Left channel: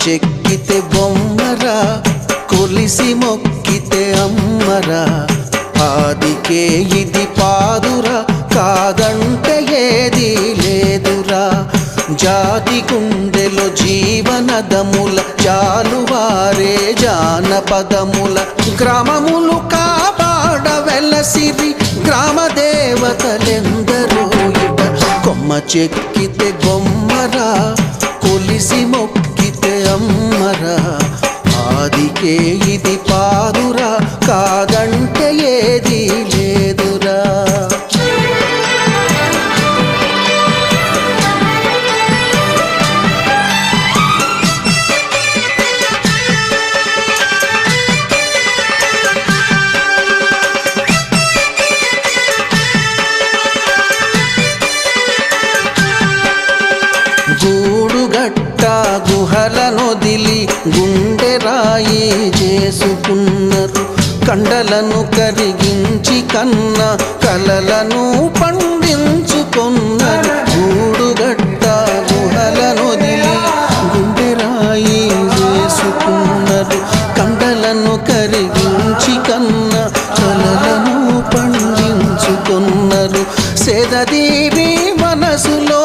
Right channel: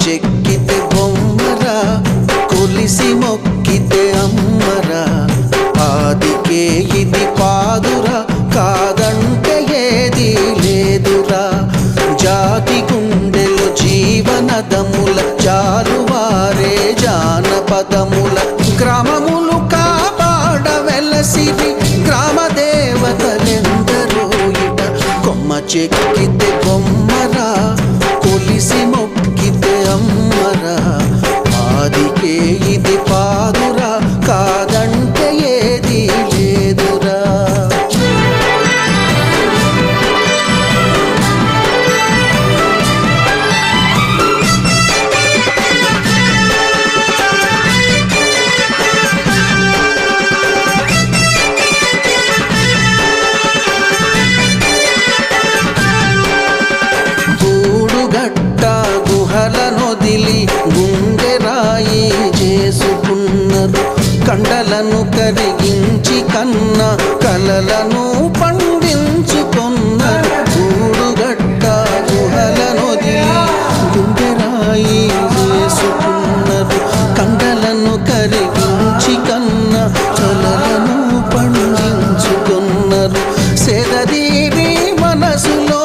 చెక్కితే బొమ్మరా, కొలిసి మొక్కితే అమ్మరా. ఆదికే ఇది పాదురా, కాదంటే ఏదీ లేదురా. జాతి గుండెలో జీవనదముల జాలువారే జానపదముల. గ్రామములు కాపాడ వెలసిరి గ్రామ దేవతలెందరో ఇట. కొమ్మ చెక్కితే బొమ్మరా, కొలిసి మొక్కితే అమ్మరా. ఆదికే ఇది పాదురా, కాదంటే ఏదీ లేదురా. గూడుగట్ట గుహలనొదిలి గుండె రాయి చేసుకున్నారు. కండలను కరిగించి కన్న కలలను పండించుకున్నారు. గూడుగట్ట గుహలనొదిలి గుండె రాయి చేసుకున్నారు. కండలను కరిగించి కన్న కలలను పండించుకున్నారు. సెదదీరి మనసులో